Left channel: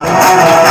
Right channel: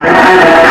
ಪ್ರೇಮ ಮಾಡಲು